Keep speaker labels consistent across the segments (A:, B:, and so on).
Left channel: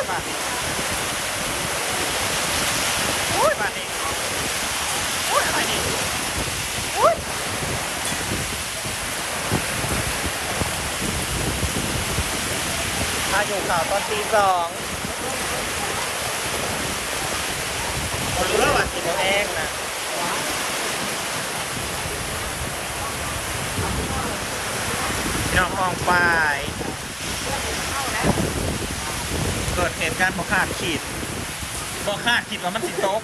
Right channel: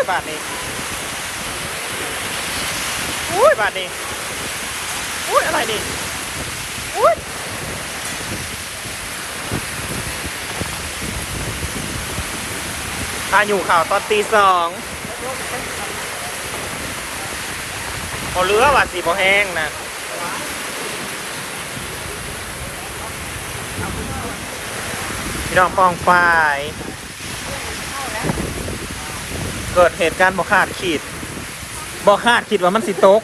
A: ยบาทนี้อุ้ยบาทนี้อุ้ยอะไรนี่อุ้ยอายุข่าวตอนตีสองบอเรือว่ะสีบอเองนะพี่น้องฟองไฟเกิดเหตุการณ์บ่คาดคิดบ่คาดคิดว่ามันสิตก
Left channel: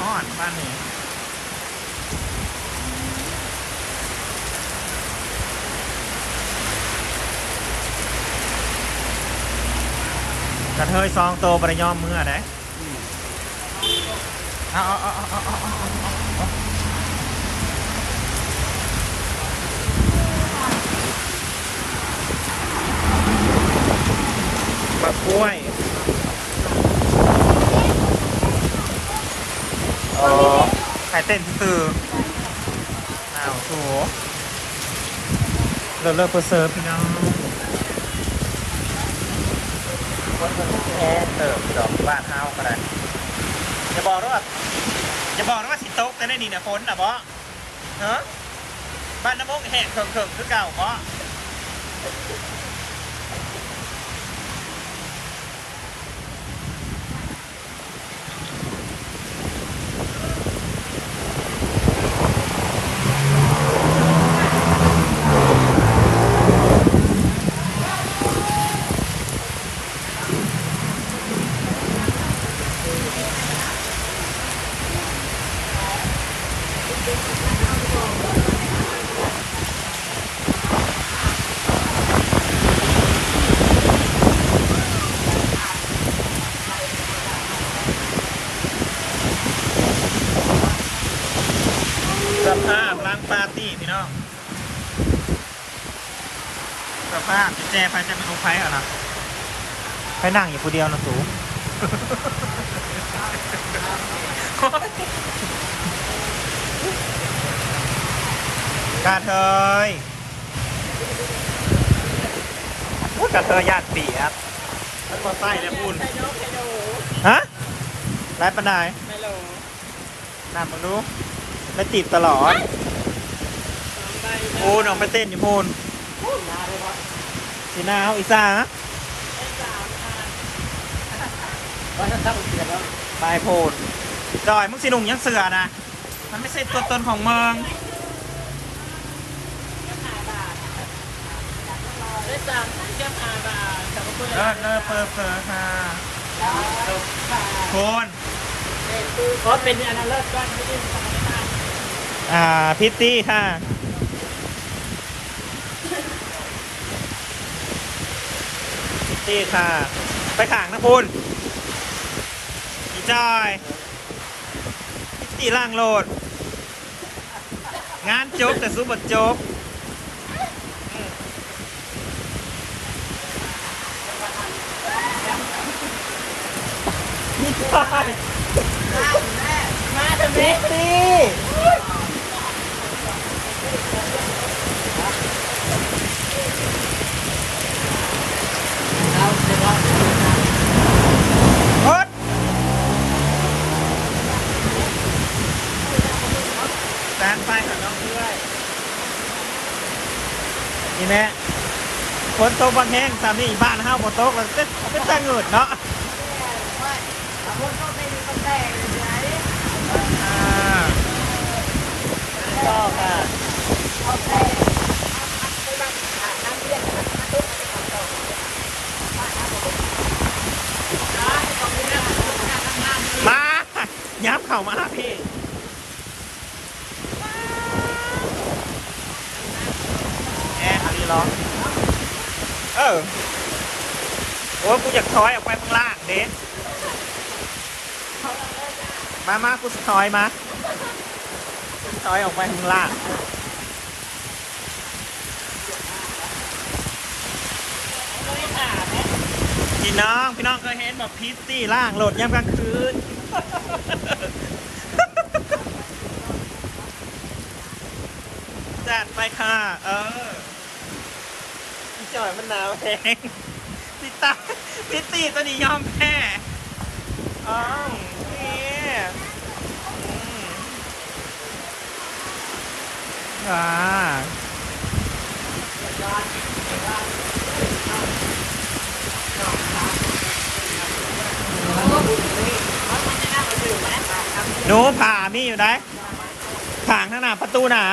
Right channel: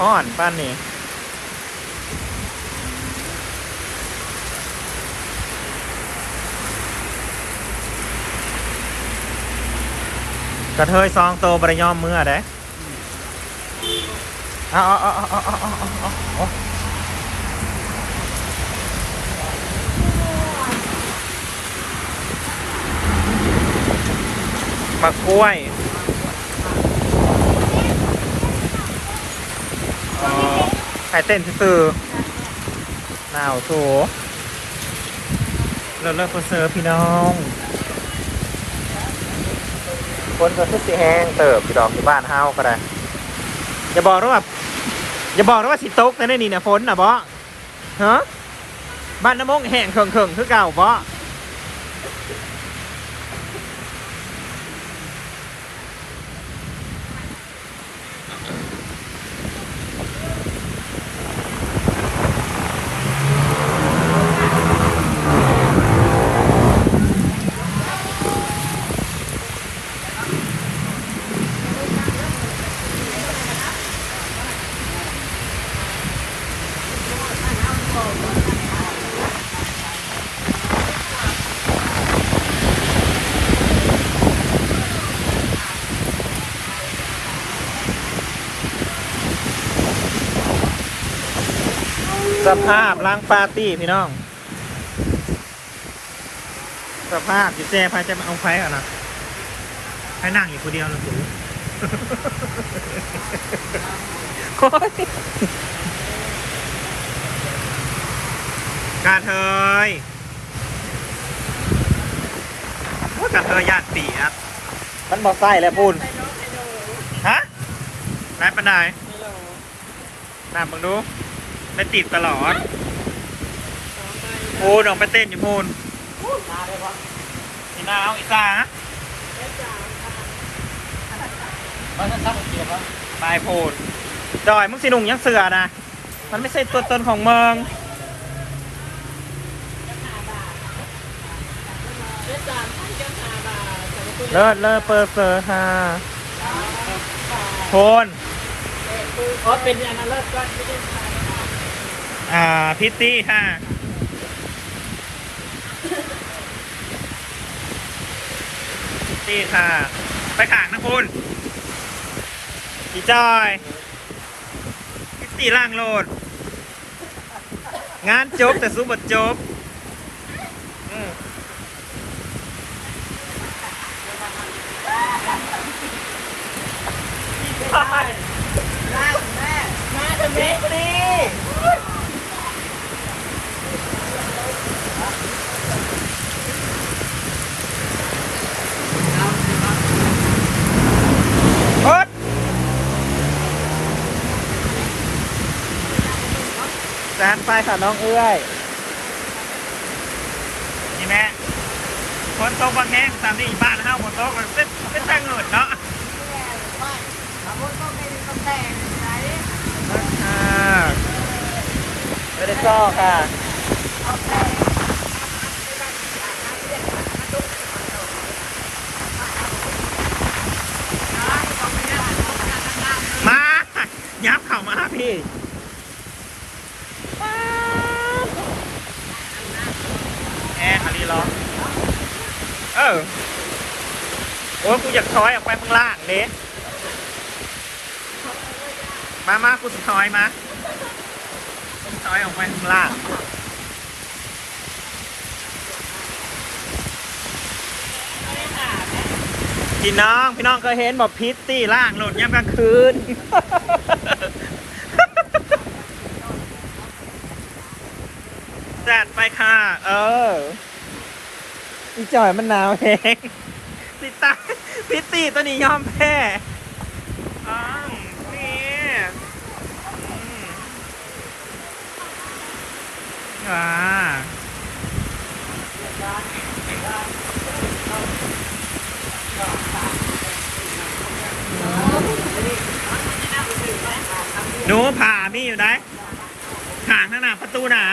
A: อ่อนป้านนี้กระเทยซองโตบริยอมเมื่อเด้เอาเอาเอาเอาเอาเอา เอาเอาเอาบักล้วยเออไข่เต้นซื่อหนาวโถเลิศเลิศตัวเซิร์ฟพี่น้องคนจะไม่แห้งเติบดอกบ้านเฮาก็ได้อย่าบอกนะว่าอย่าบอกนะว่าสิตกนะนี่นะฝนนะบอฮะบ้านน้ำมงแห้งเขิงเขิงคือเก่าบอ สภาพล้างปาร์ตี้พี่น้อง สภาพจิเจพายจะมาเอาไฟก่อนนะไปนั่งอยู่คนเดียวนะสูโอ๊ยกาเทยว่ากาเทยญาติปีครับมันบอกไส้แล้วพูนฮะไรปันได
B: ไม่รู้
A: น้ำมึงดู ไม่ติดตลอด
B: สองใบ
A: โอ้น้องไปเต้นอยู่พูนสีนาวอีซ่าฮะ
B: ได้สามค่ะ
A: ตายโพนจอยมึงสิหนุ่งยังเสือนะ มันไม่ใช่ตัวตนของเมือง
B: ได้สามพันเจ้าห้าบาทแต่ว่าคุณ
A: เลิศเลิศเปิดเซอร์ฮาโพน
B: เพราะเป็นอันนั้นเลิศก้อนไม่ได้สามบาท
A: อ่าพิตตี้ค่ะ พิตตี้ค่ะ ไปขางนะพูนอีจอย พิตตี้ล่างโหลด งานจบแต่สู้บทจบ
B: มาทำไมพอดี
A: โอ๊ด แซนไปค่ะน้องเอื้อยนี่แม่คนโตบางแห้งตามนี้บ้านห้าคนโตกันเป็นเป็นแต่เงินเนาะอ่าไม่ได้ชอบอะ มา ยับเข่ามาพี่ แอร์ขันดีร้อนเอโอ้ยกูอยากถอยออกไปข้างล่างเด้มามากูจะถอยมากูจะถอยออกไปข้างล่างพี่น้องพี่น้องเคยเห็นบอกพิตตี้ล่างโหลดย่ำกลางคืนจัดไปค่ะ เออ อีจอยมันหนาวเองพิตาพิตตี้ตัวนี้ยอมแพ้อ้าวนี่อืมอ่าหนูผ่ามีอยู่ได้ขางข้างหน้าประตูหนา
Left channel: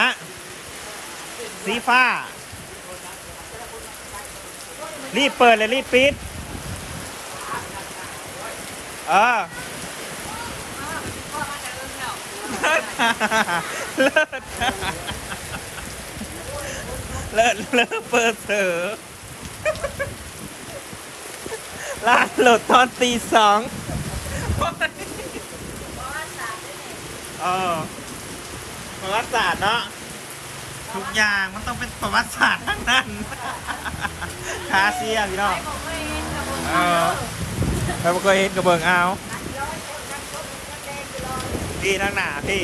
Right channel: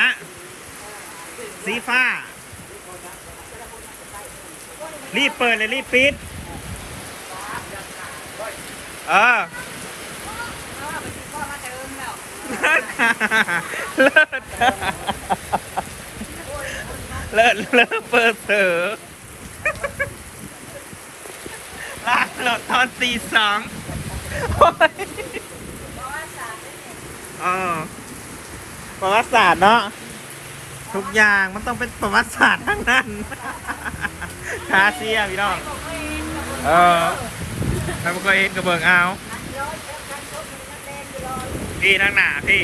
A: สีฟ้า รีบเปิดเลยรีบปิดเออเลิศเลิศเลิศเปิดเสือลาหลุดตอนตีสองโอ๊ยอประวัติศาสตร์เนาะทุกอย่างมันต้องเป็นประวัติศาสตร์ทั้งนั้น คาเซียพี่น้องเออแล้วมันก็เห็นกระเบื้องเอาพี่ทั้งหนาพี่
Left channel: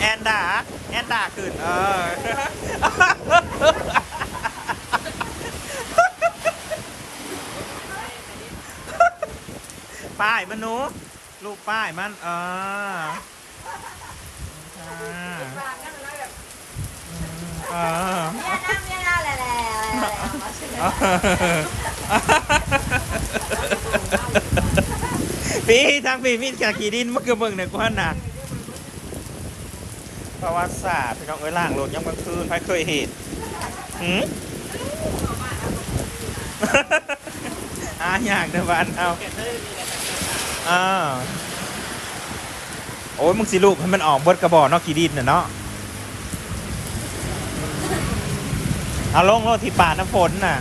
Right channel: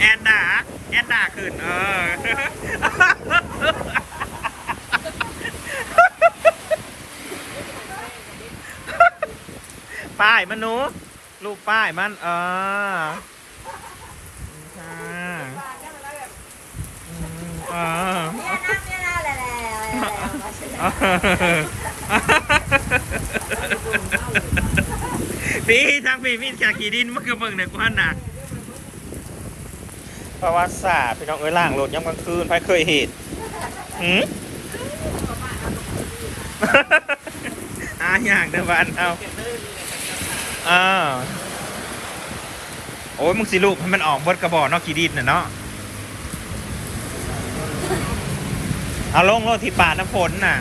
A: แอนด่าแอนด่าขึ้นเออป้ายมันหนูรูปป้ายมันเออค่ะอืมเออพี่ทางพี่มีจากขี่ดินมันคือเบิ่งในกวนน่ะประวัติศาสตร์พี่น้องเอ้ยล่างรถยามกลางคืนใครเคยเห็นหืมอาอย่างเดวันเอาอ่าโอ้ยมึงสิลูกให้มันออกเบิดกระบอกนอกขี่ดินน่ะเนาะ เอาลงรถที่ป่าน้ำฝนน่ะ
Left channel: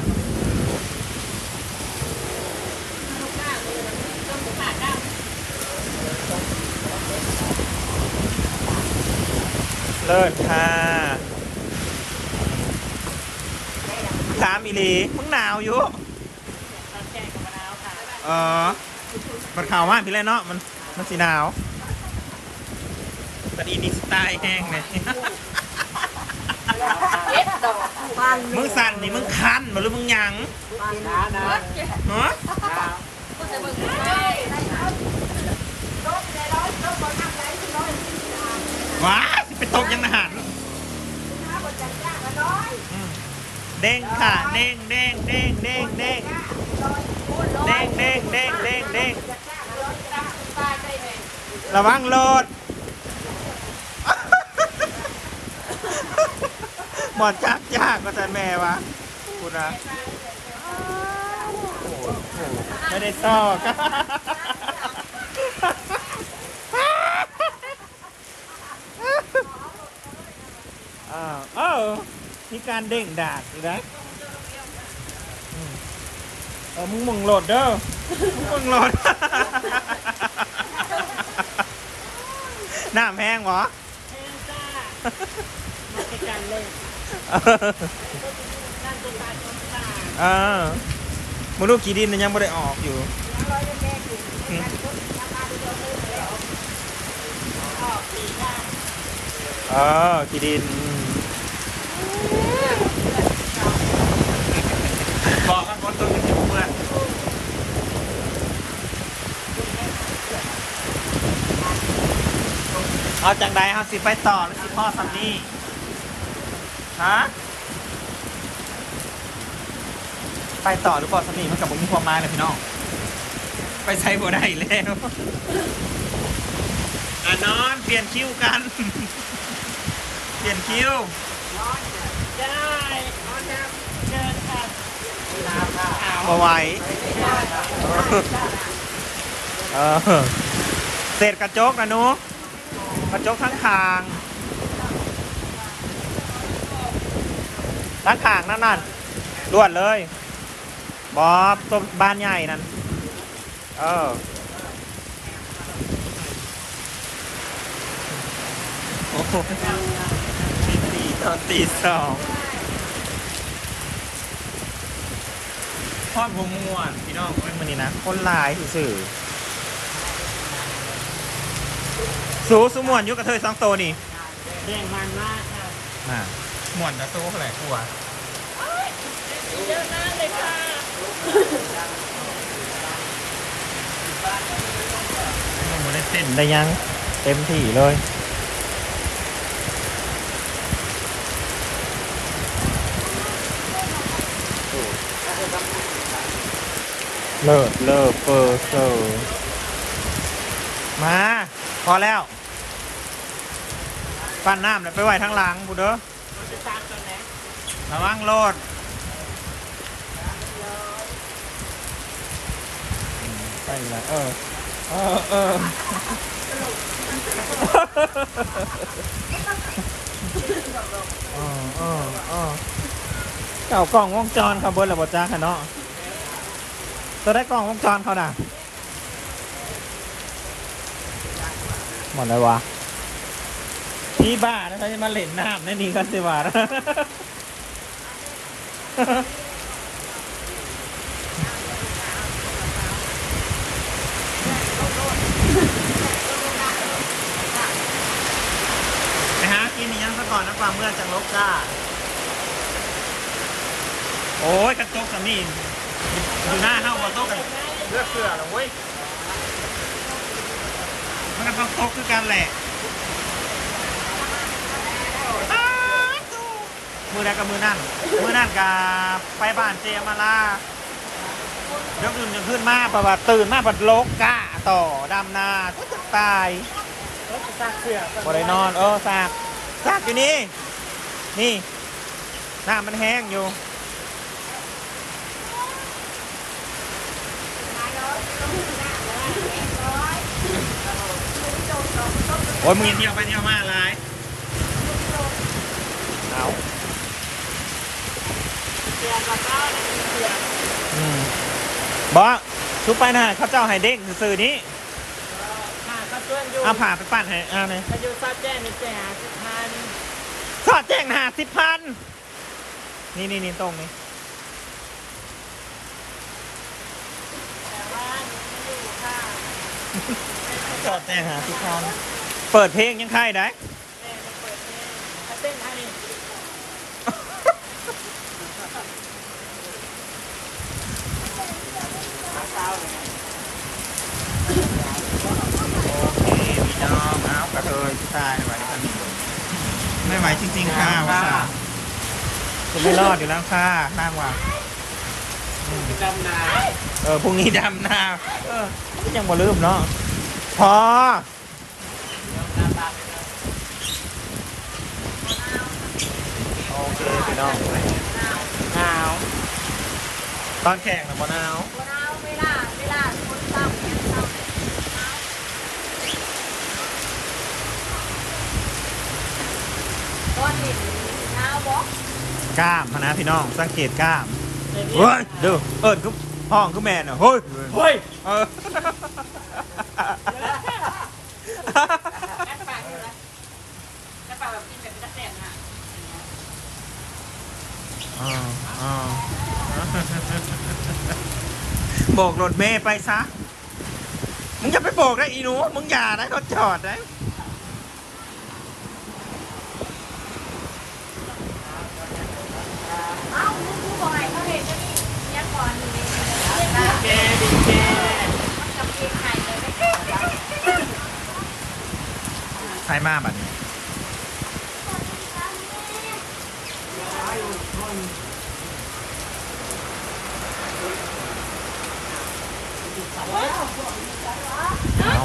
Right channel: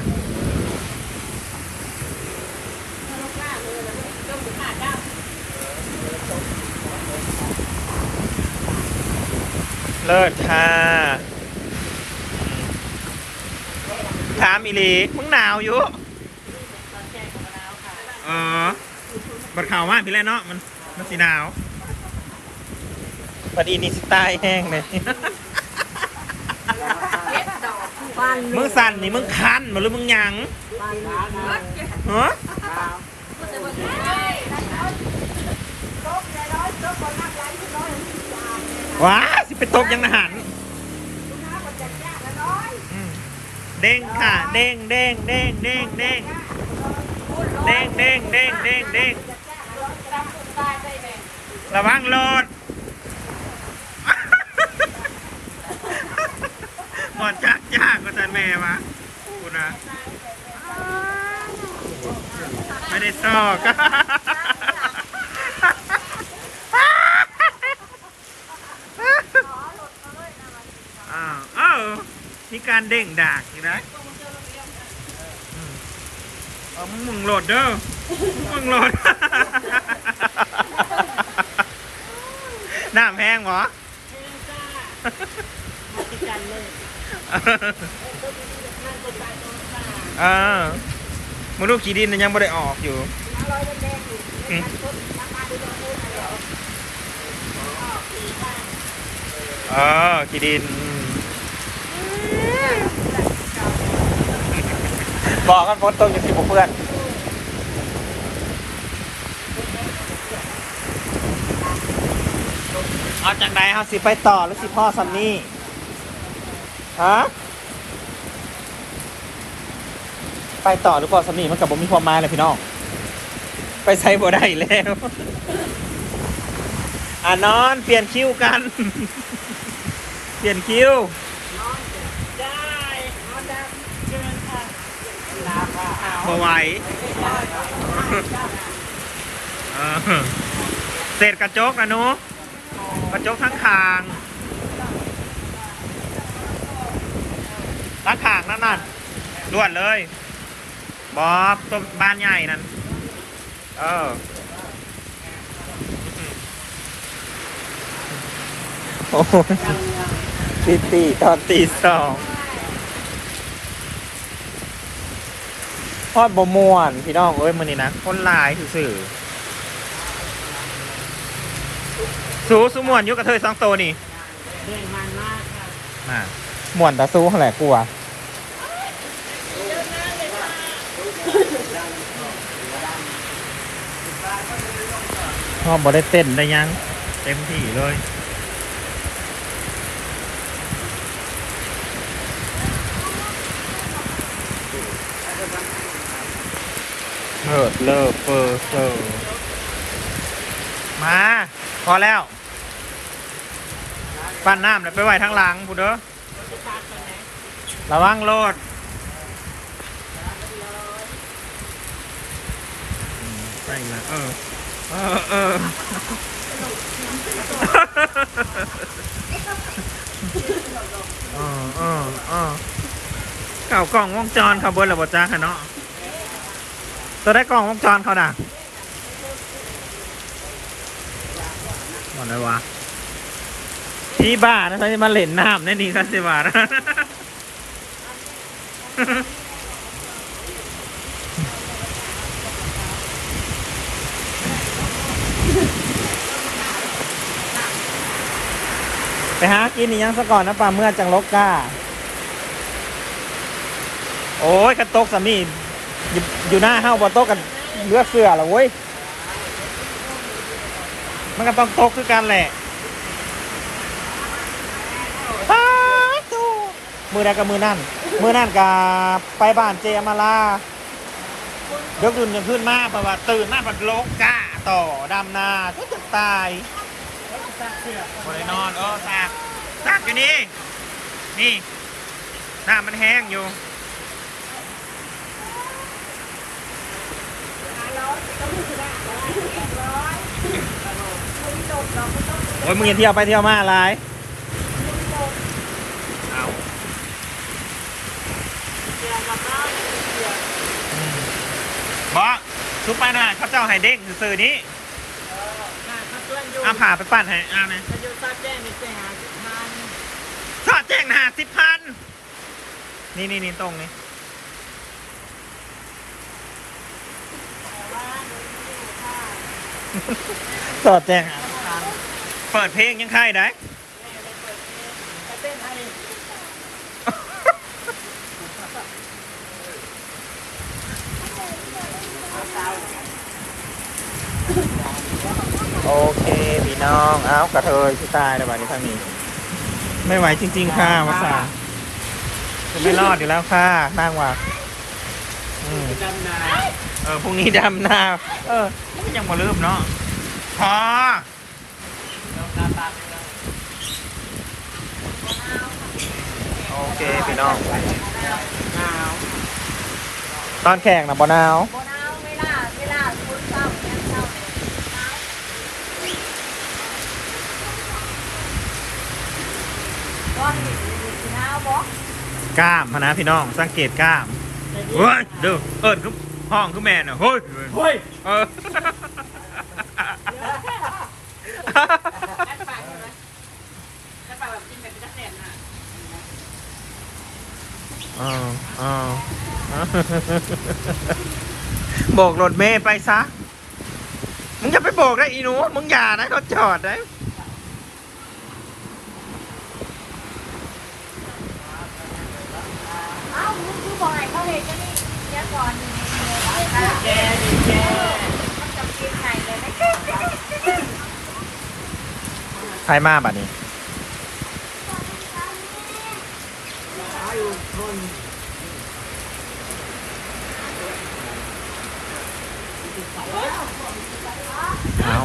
A: เลิศค่ะถามอีหลีมึงหนาวอยู่
B: ตอนแกงกับมะนาวค่ะ
A: เออบัดข่าวมากพี่เลยเนาะ มัน มันสีหนาวบัดอีนี่สไตล์แห้งเลย มึงสั่นนี่มึงคันมาหรือมึงหยังฮะ
B: ว้า
A: สิไปตกยังนะหันเด้งค่ะเด้งเด้งเด้งเด้งเด้งเด้งเด้งเด้งเด้งเด้งระวังโห ลดหมอนจักยากก็จะแม่วะคุณนะไม่ได้ซอกอ้าวเอ้ามีการเด้งดากอีกนะอืมเอามึงมึงโหลดเด้อมึงโหลดน้ำแห้งเหรอ
B: เฮ้ยจ้ามาติดกันเลย นั่าวตาย
A: เออมึงลูกขี่ดินน่ะยังไม่ได้ออกอยู่อืมเอขี่ดินบอกกันฝนตกอย่างที่ผมเพื่อนเอาจังใดเอาสิไปต่อหรือสิพ่อซัมนี่ ฮะไปต่อหรือพอสำนีมันกับผมมีความหมายเลยพี่น้อง ไปใช้บ่ได้แล้วอะนอน เปลี่ยนคิวกัน เปลี่ยนคิว
B: นอนได้นอนได้เชิญค่ะหนาวหนาวหนาว
A: มาไหวเออเศษกระจกนะหนูกระจกทั้ง คางทั้งคางนั่นนั่นด่วนเลยบอบต้นบ้านใหญ่นั่น เออโอ้ยตีสี่ตอนตีสองทอดบม่วนพี่น้องเอ้ยมันนี่นะคนหลายสื่อๆสูสมวนอยุกระเทยสองโตวนี่
B: เด้งมันมากค่ะ
A: น่ะ หมวนตาสู้แหละกูอะ
B: เยอะมากเลยค่ะ
A: พ่อบ่ได้เต้นได้ยัง เต็มที่เลยเลิศเลิศเปอร์เซอร์มา พอแล้ว ปั้นน้ำแล้วไปไว้ทั้งหลังพูดเด้อ
B: เระ
A: วังโลดอืมไปละเออเออเออเออ เออเออเก่ากล่องวงจรเขาเบิร์ดระบบจ้าค่ะเนาะตัวได้กล่องวงจรเขาน่ะหมดเลยวะ พี่บ้านะเขาจะมาเล่นน้ำในนี่กันสิวะไปหากินนี่ยังซะก่อนนะปลาเมื่อจังลกก้า โอ้ยกระตกสามีอยู่อยู่หน้าห้าวบอโต๊ะกันเลือกเสือเหรอเว้ย มันก็ต้องตกคือกันแหละอ้าวตู้ มือใดกับมือนั่น มือนั่นกับไปบ้านเจยมาลาเดี๋ยวดื่นกันขึ้นมาเพราะว่าตื่นมาบัดโลกกล้าต่อดำนาก็จะตาย
B: เราจะตักเสื้อบ
A: ริโนอนเออซากซากอยู่นี่ นี่น้ำมันแห้งอยู่โอ้ยมึงอย่าเที่ยวไปเที่ยวมาอะไรเอา
B: เสื้อกั บเราเสื้อ
A: อืมบอสทุบไปนะเขาเจ้าไฮเด้งสื่อๆนี้
B: ค่ะเขาชวนอยู่
A: เอาผ่าไปปั่นให้เอาเนี่ย
B: เขาอยู่ซอยแจ้งในแจ้งทุกท่าน
A: สอดแจ้งหาสิบพันนี่นี่นี่ตรงนี้
B: แต่ว่าหนูไม่อยู่ค่ะ
A: สอดแจ้งหาสิบพันเปิดเพลงยังใครได้
B: แม่จะเปิดเพลงเขาเต้นให้
A: โอเคพี่ น้องเอากระเทยที่ตายในวันนี้ท่านนี้ไม่ไหวจริง ๆ ค่ะมาสาคุณไม่รอดอยู่แล้วค่ะนั่งว่าอืม
B: ดำนา
A: เออพรุ่งนี้ดำนาเออยังมาลืมเนาะพอโอเคพี่น้อง
B: หนาว
A: ตอนแข่งนะปอนาว
C: โบนาเวลาเวลาคนเศร้าเนี่ยเศร้าก้ อนดินมีสีหน้าบอก
A: กล้ามพะนะพี่น้องสังเกตกล้ามเฮ้ยดูเอิญคือห้องคือแมนอะเฮ้ย
B: เฮ้ย
A: เออ
B: แอดปากเลยแอดปากแบบกินแบบเป็นตะแสบนะ
A: อ้าวอ้าวโบกรถเมย์ไปซะ มึงจะไปโบกได้อีหนูมึงอย่านะเขาจอดนะ
B: แกดีแก
A: ใครมาบันี้
B: เอา